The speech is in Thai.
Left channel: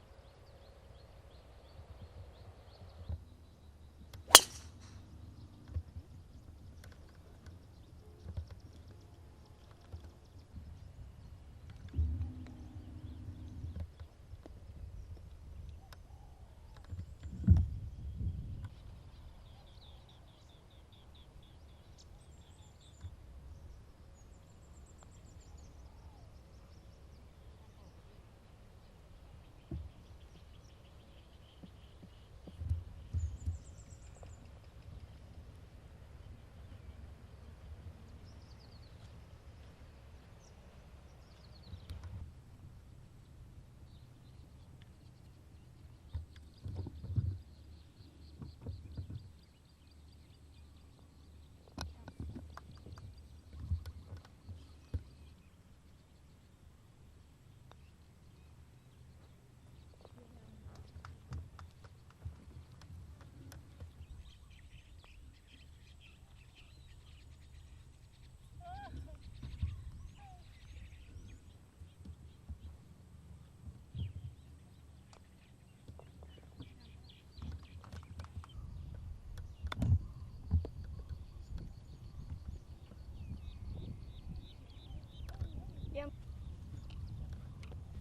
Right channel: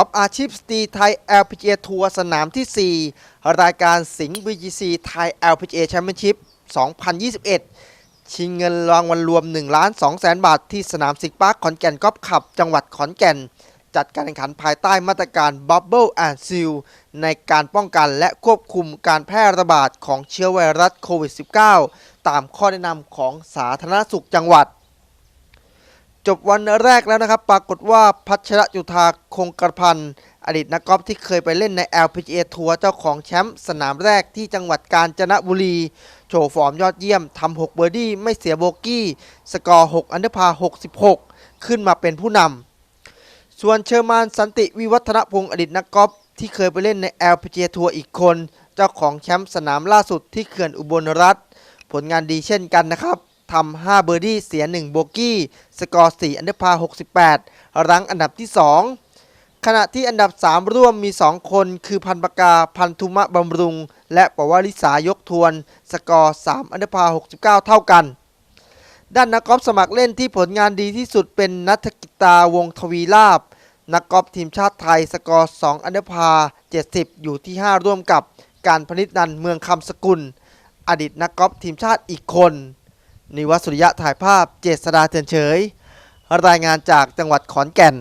อล์ฟอาชีพสตรีไทย LPGA ทัวร์สนามที่ 4 รายการสิงห์ VGC ไทย LPGA Championship 2021 ชิงเงินรางวัลรวม1ล้าน2แสนบาทที่สนามสิงห์ปาร์คขอนแก่นกอล์ฟคลับ จังหวัดขอนแก่น จัดการแข่งขันภายใต้มาตรการ Bubble and Seal ในการป้องกันและควบคุมการแพร่ระบาดของเชื้อไวรัสโควิด -19 ตามข้อแนะนำของสาธารณสุขจังหวัด จบวันแรกแล้วนะครับ ปรากฏว่าพัชรจุธาคงกระพันอดีตนักกอล์ฟที่เคยไปเล่นใน LPGA ทัวร์เจ้าของแชมป์สนามแรกที่จังหวัดกาญจนบุรี โชว์ฟอร์มยอดเยี่ยมทำ6เบอร์ดี้ไม่เสียโบกี้ สกอร์ 6 อันเดอร์พา 66 ขึ้นมาเป็นผู้นำส่วนเชอร์มานสันติวิวัฒนพงศ์อดีตนักกอล์ฟที่เคยไปเล่นใน LPGA ทัวร์อีกคน เจ้าของแชมป์สนามล่าสุดที่เขื่อนอุบลรัฐผลงานดีเช่นกันนะครับ ทำ5เบอร์ดี้เสีย 1 โบกี้ สกอร์4อันเดอร์พา 68 รั้งอันดับที่ 2 ขณะที่อันดับ 3 ร่วมมี 2 คนคือพันปากาพันธุมะบำรุง และปวาริสายกทวน สกอร์ 3 อันเดอร์พา 69 เท่ากันด้านนักกอล์ฟสมัครเล่นที่ผลงานดีที่สุดเป็นนัทกิตาวงทวีลาบ นักกอล์ฟทีมชาติไทยสกอร์ 2 อันเดอร์พา 70 อยู่ที่ 5 ร่วมกับการพนิษนันเมืองคำสกุล อดีตนักกอล์ฟทีมชาติอีกคน นิวัตสุริยะถ่ายภาพเจษดาเตือนเฉย รายงานจากจังหวัดขอนแก่น